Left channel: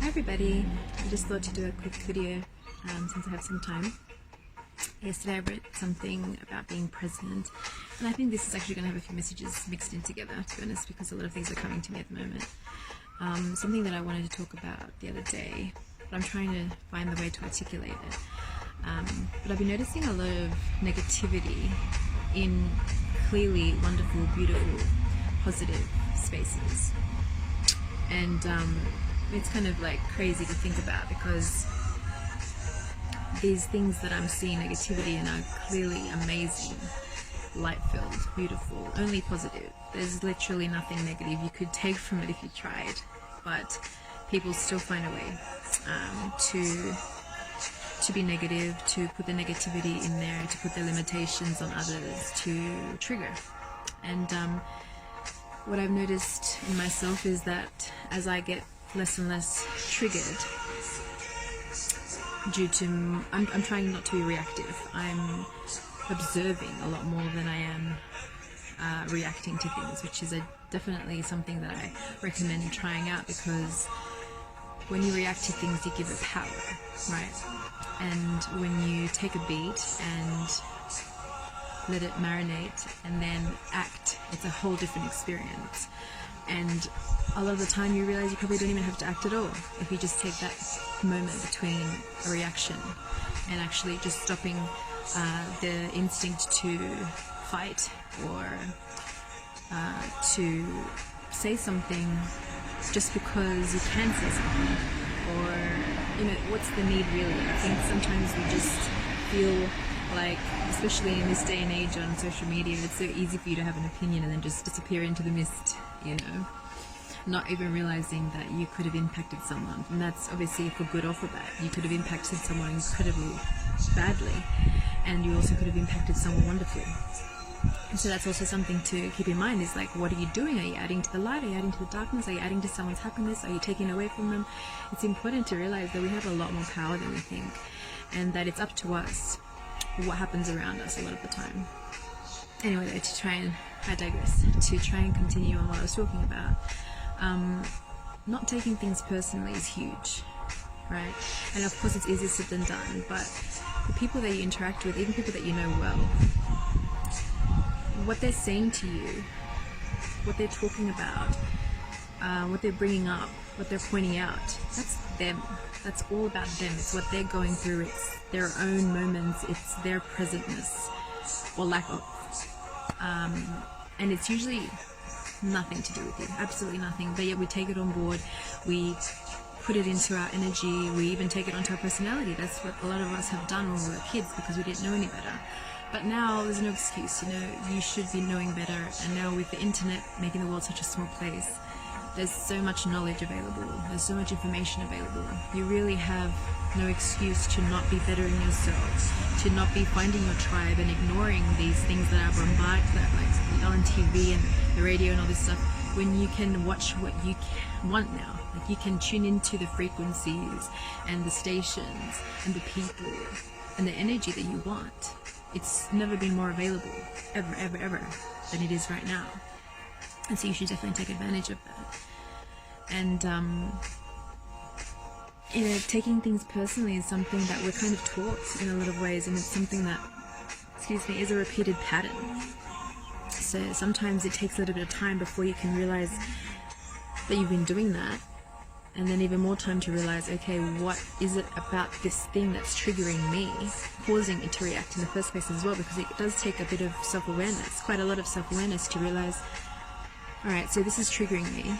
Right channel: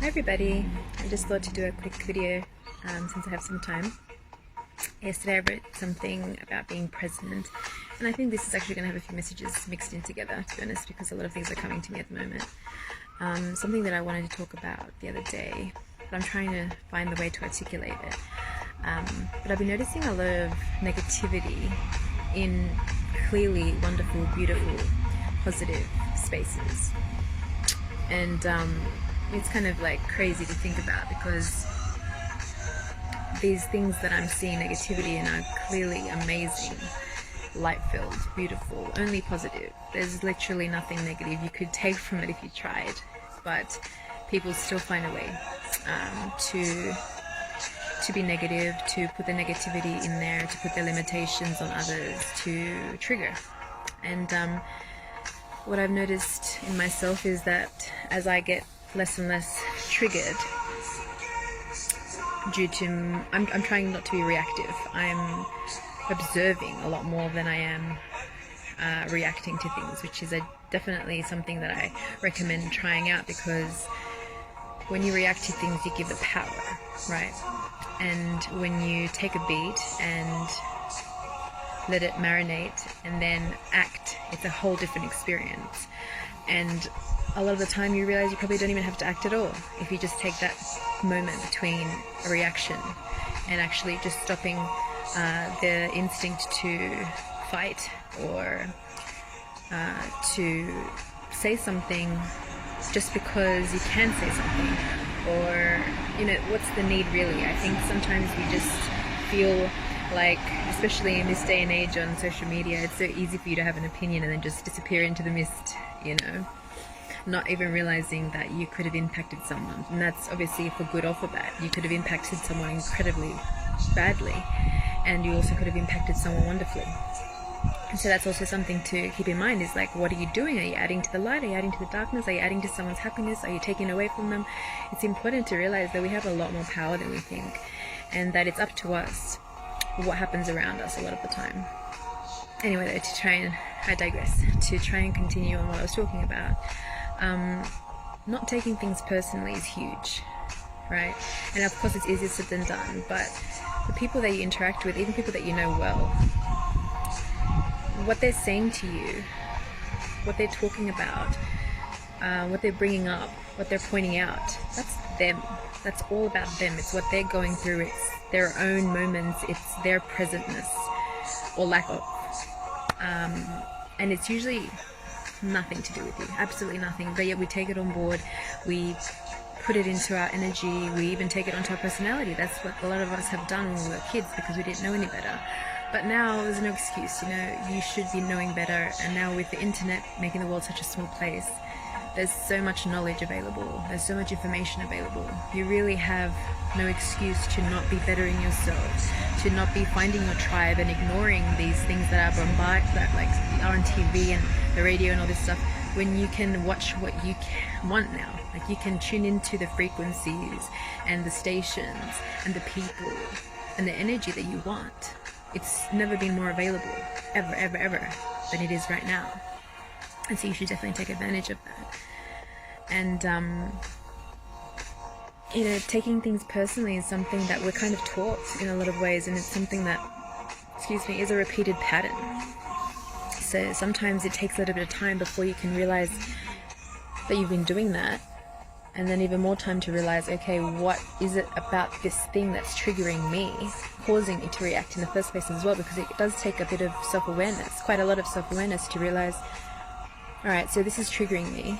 Hi everybody, I just thought to do a quick video since I have some time. Yesterday I wrote something about being present, and I think this is actually going to have a few messages mixed in together, to be honest, because a lot of things are coming to me at the moment. Something that I wanted to talk about the other day, but I'm trying to find the way to articulate it. But I've been noticing a lot of negativity in clearly wonderful, beautiful, positive spaces. And it's kind of like crazy to think about, because these things that I'm seeing negativity in are clearly amazing, light-filled, beautiful, only positive. There's literally nothing negative you could take from it if you tried, but people still find a way to be negative, to put the negativity in there, to put their limitations on others, to trigger. And what I've noticed in myself is that as I get less and less triggered, due to I'm trying not to be reactive. I'm observing a lot more than I am reacting to things, which is definitely something that I recommend trying out, because when you react to things, you give it power, right? And when you take a beat and let it marinate and then act, it's a whole different experience. And a lot of the time you realize you probably don't even have to act at all if you just take that moment between a reaction and actually just stopping the instinct to fight or to say something just because you can say something, or what's the need really? I think sometimes we just feel like, especially in this day and age on social media, it's so easy for you to have an opinion and then just disappear into the mist, not even realizing that you could have impacted someone. And that's obviously for good or for bad. You could have impacted someone incredibly badly, and you also could have impacted someone wonderfully. And so that's also something to keep in mind, is like, what are you doing? Are you adding to the light? Are you adding to the darkness? Are you adding to someone's happiness? Are you taking away from them? It's important to realize that we have a lot more power than we think, and that it's up to us what happens around us a lot of the time. Anyway, though, I digress, to try and continue on what I was talking about. Not taking things personally is huge, right? And of course it's easier said than done, but the people that you interact with, even people that you know well, what they're saying to you, what they're talking about, what they're bringing up, what they're pointing out, that's them. That's all about them. It's what they're going through. It's their own moments. It's their presentness or lack of. And it's usually nothing to do with you. Absolutely nothing. But yet we take it on board. We put it into our energy. We even take it onto our personality. That's what a lot of us have done when we were kids, because we didn't know any better. But now there's no excuse. You should be knowing better. And now with the internet making the world such a small place, there's so much knowledge available. There's so much information available. You really have no excuse to not be bettering yourself, to not be finding your tribe and ignoring these things that are like are on TV and the radio and all this stuff, when you can watch what you want now. Like, you can tune into the frequencies and the stations and the people and the energy that you want. It's never been more available, ever, ever, ever, than it is right now. And so you should definitely take advantage of that. And, taking things personally is something that we're kind of taught in a lot of ways, and it's something that, is a repeated pattern. So sometimes it takes a little bit of time before you can realize that you've been doing that, and then even more time to realize, okay, what is it about this thing that's triggering me, causing me to react in the first place as well, because it does take a bit of self-awareness, quite a lot of self-awareness, to realize, alright, so this is triggering me.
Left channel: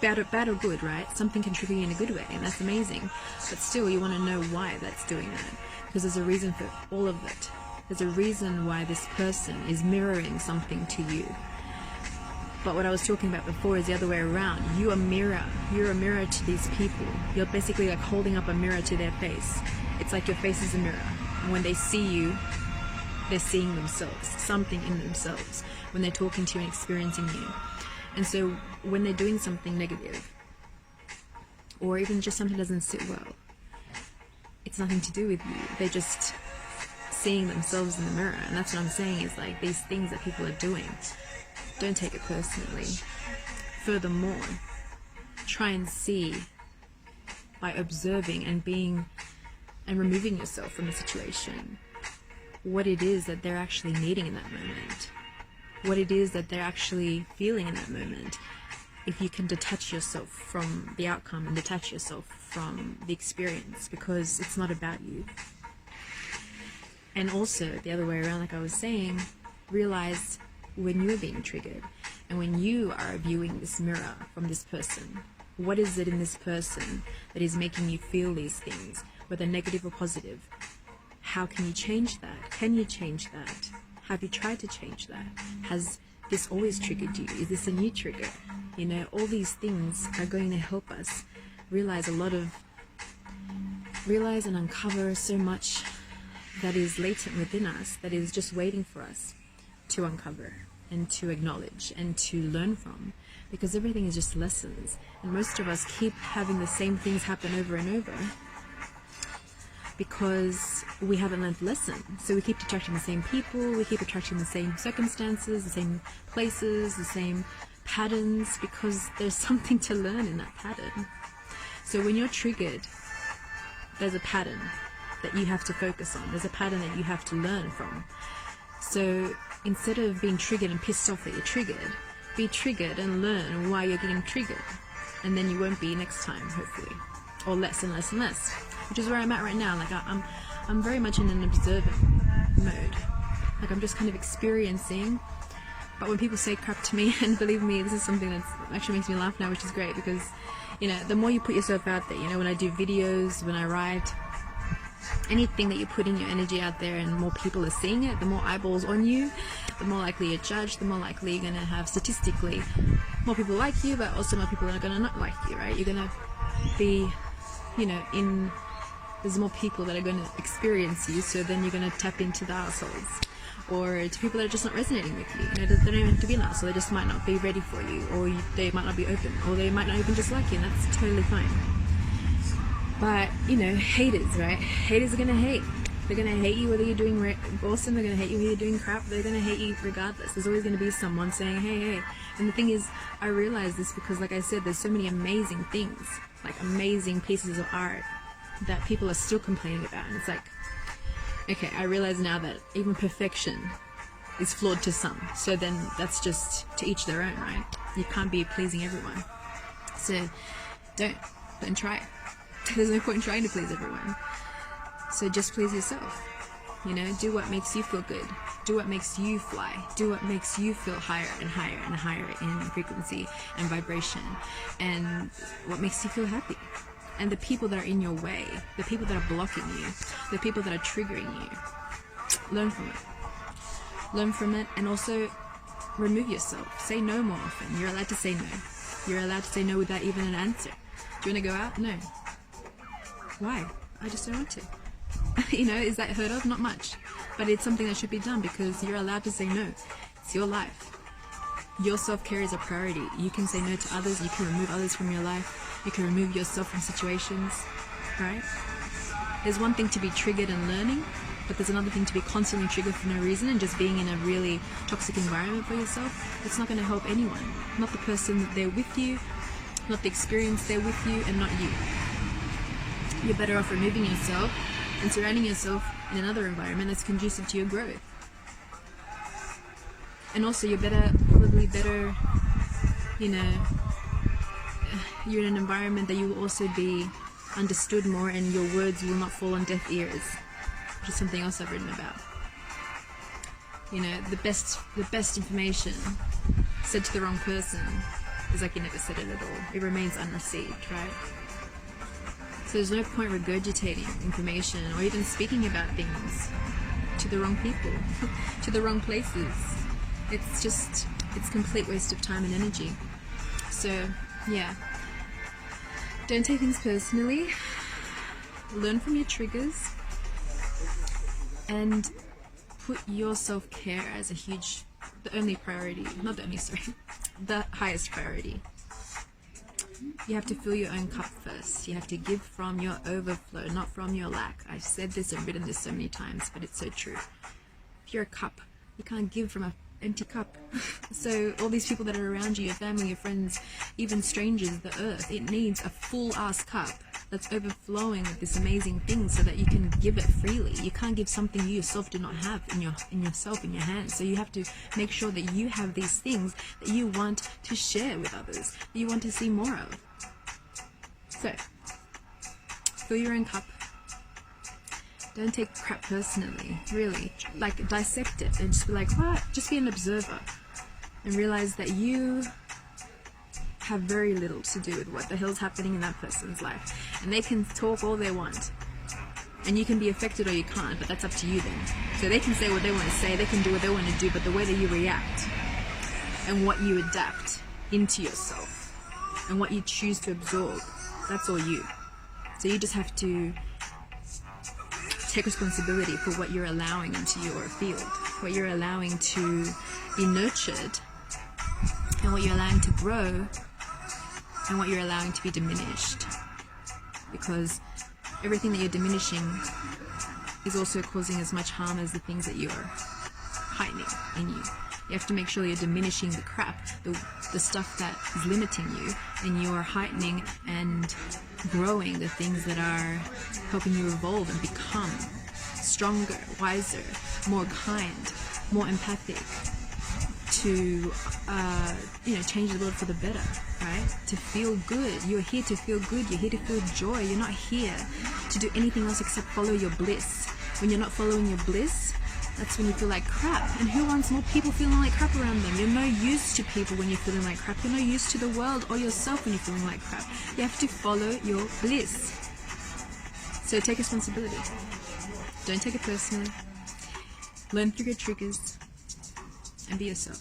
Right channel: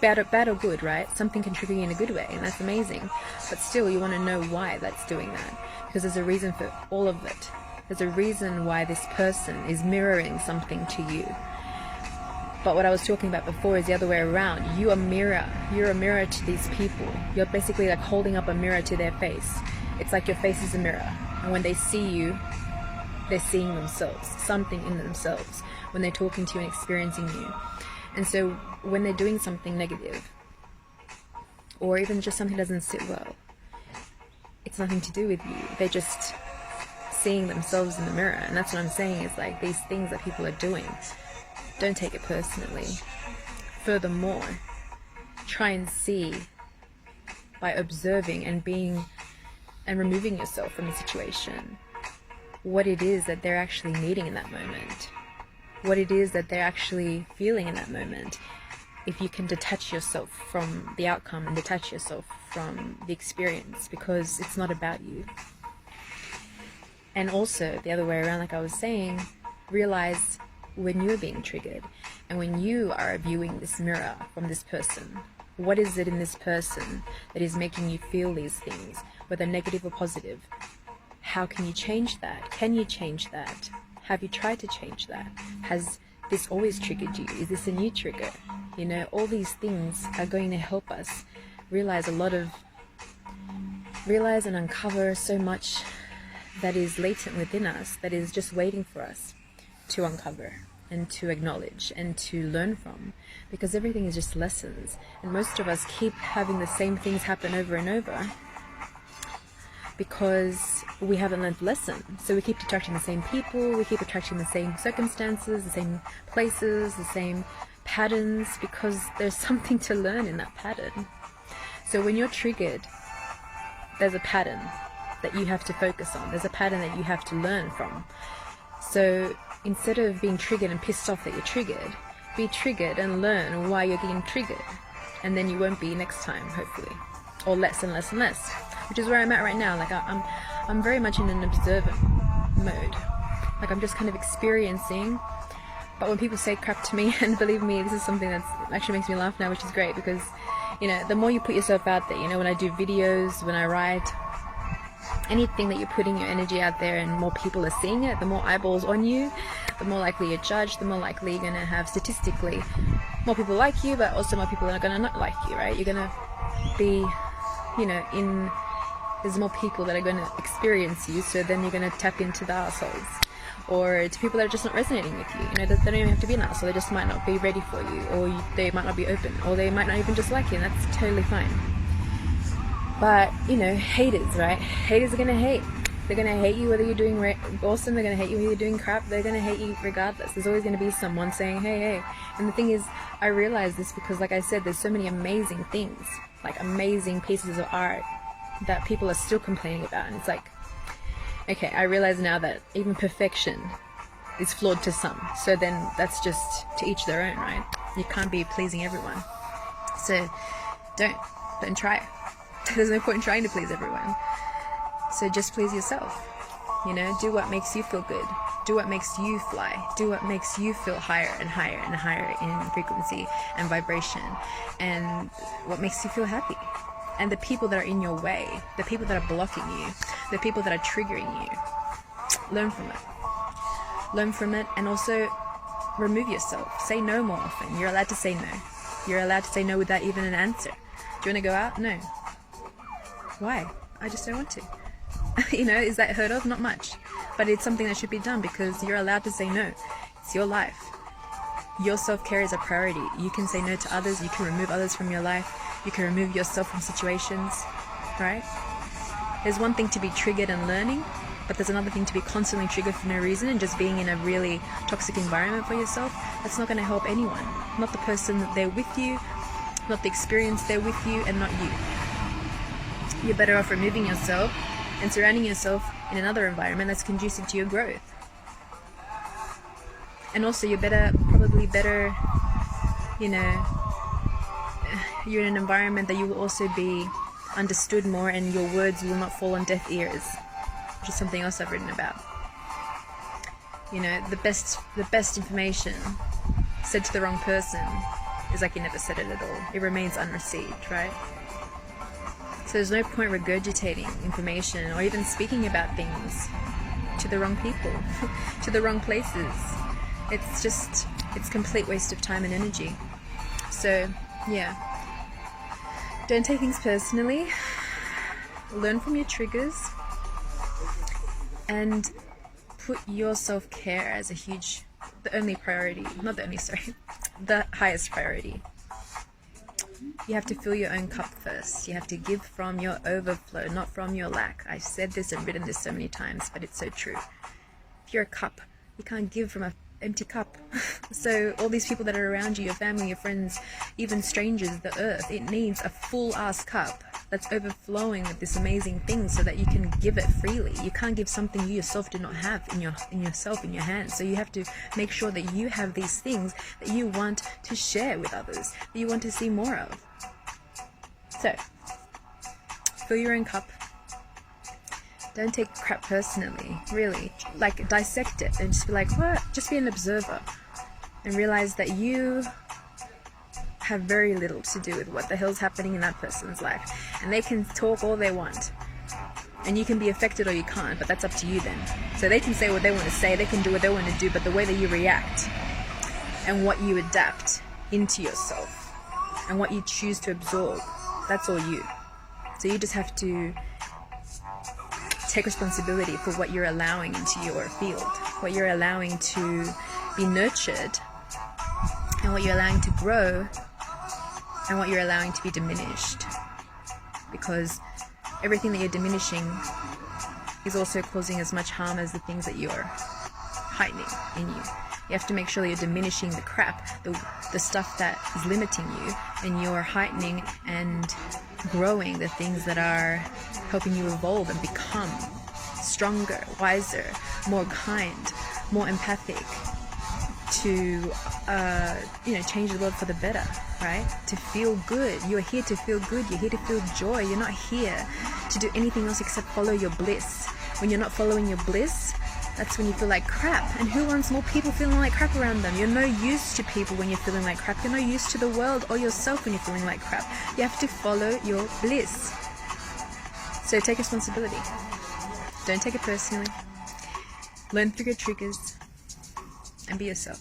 Bad or good, right? Something can trigger you in a good way, and that's amazing. But still, you want to know why that's doing that, because there's a reason for all of it. There's a reason why this person is mirroring something to you. But what I was talking about before is the other way around. You're a mirror to these people. You're basically like holding up a mirror to their face. It's like your face is a mirror, and when they see you, they're seeing themselves, something in themselves, when they're talking to you and experiencing you. And so when they're doing something negative, or even just something doesn't sit well, it's nothing to do with you. They're just seeing themselves in the mirror. And that's what I'm saying, is like, these things that people are doing, don't take it personally. Furthermore, try and see by observing and being and removing yourself from the situation, what it is that they're actually needing in that moment, what it is that they're actually feeling in that moment. If you can detach yourself from the outcome and detach yourself from the experience, because it's not about you. And also the other way around, like I was saying, realize when you're being triggered and when you are viewing this mirror from this person, what is it in this person that is making you feel these things, whether negative or positive? How can you change that? Can you change that? Have you tried to change that? Has this always triggered you? Is this a new trigger? You know, all these things are going to help us realize and uncover so much that is latent within us, that is just waiting for us to uncover and to acknowledge and to learn from, because everything is just lessons, and most of us keep having the same things happen over and over because we haven't learned the lesson. So we keep attracting the same people, we keep attracting the same circumstances, the same places, the same patterns, because there's something to learn in that pattern. So when you're triggered, there's a pattern that you have to focus on, there's a pattern that you have to learn from. So instead of being triggered and pissed off that you're triggered, be triggered and learn why you're getting triggered, and then you won't be next time, hopefully, or less and less and less, which is where I'm at right now. Like I'm very much in an observant mode. Like I'm just kind of experiencing. But when people say crap to me, and believe me, this is something that actually makes me laugh now, which is great, because, you know, the more you put yourself out there, you know, when I do videos, when I write, anything that you're putting your energy out there and more people are seeing it, the more eyeballs on you, the more likely you're judged, the more likely you're going to have statistically more people like you, but also more people are going to not like you, right? You're going to be, you know, there's more people that are going to experience you, so then you're going to tap into the assholes. Or it's people that are just not resonating with you. You know, they don't even have to be an asshole, they just might not be ready for you, or they might not be open, or they might not even just like you, and that's totally fine. But, you know, haters, right? Haters are going to hate. They're going to hate you whether you're doing awesome, they're going to hate you whether you're doing crap, they're going to hate you regardless. There's always going to be someone saying, hey, hey. And the thing is, I realize this because, like I said, there's so many amazing things, like amazing pieces of art that people are still complaining about. And it's like, okay, I realize now that even perfection is flawed to some. So then that's just to each their own, right? You can't be pleasing everyone. So don't try it. There's no point in trying to please everyone. So just please yourself. You know, do what makes you feel good. Do what makes you fly. Do what makes you feel higher and higher and higher in frequency and vibration. And what makes you feel happy. And the people that are in your way, the people that are blocking you, the people that are triggering you, learn from it. Learn from it, and also remove yourself. Say no more often. You're allowed to say no. You're allowed to say no without even an answer. Do you want to go out? No. Why? I just don't want to. You know, is that heard of? Not much. But it's something that should be done, because you're allowed to say no. It's your life. Your self-care is a priority. You can say no to others. You can remove others from your life. You can remove yourself from situations, right? There's one thing to be triggered and learning, but there's another thing to be constantly triggered for no reason and just being in a really toxic environment for yourself. That's not going to help anyone. Not the person that they're with you, not the experience they're with you, and not you. You're better off removing yourself and surrounding yourself in another environment that's conducive to your growth. And also you're probably better, you know, you're in an environment that you will also be understood more, and your words will not fall on deaf ears, which is something else I've written about. You know, the best information said to the wrong person is like you never said it at all. It remains unreceived, right? So there's no point regurgitating information or even speaking about things to the wrong people, to the wrong places. It's complete waste of time and energy. So, yeah. Don't take things personally. Learn from your triggers. And put your self-care as the only priority. Not the only, sorry. The highest priority. You have to fill your own cup first. You have to give from your overflow, not from your lack. I've said this and written this so many times, but it's so true. If you're a cup, you can't give from an empty cup. So all these people that are around you, your family, your friends, even strangers, the earth, it needs a full ass cup that's overflowing with this amazing thing so that you can give it freely. You can't give something you yourself do not have in yourself, in your hands. So you have to make sure that you have these things that you want to share with others, that you want to see more of. So, fill your own cup. Don't take crap personally, really. Like, dissect it and just be like, what? Just be an observer and realize that you have very little to do with what the hell's happening in that person's life. And they can talk all they want. And you can be affected or you can't, but that's up to you then. So they can say what they want to say, they can do what they want to do, but the way that you react and what you adapt into yourself and what you choose to absorb, that's all you. So you just have to take responsibility for what you're allowing into your field, what you're allowing to be nurtured, and what you're allowing to grow, and what you're allowing to be diminished. Because everything that you're diminishing is also causing as much harm as the things that you're heightening in you. You have to make sure you're diminishing the crap, the stuff that is limiting you, and you're heightening and growing the things that are helping you evolve and become stronger, wiser, more kind, more empathic, to change the world for the better, right? To feel good. You're here to feel good. You're here to feel joy. You're not here to do anything else except follow your bliss. When you're not following your bliss, that's when you feel like crap. And who wants more people feeling like crap around them? You're no use to people when you're feeling like crap. You're no use to the world or yourself when you're feeling like crap. You have to follow your bliss. So take responsibility. Don't take it personally. Learn through your triggers and be yourself.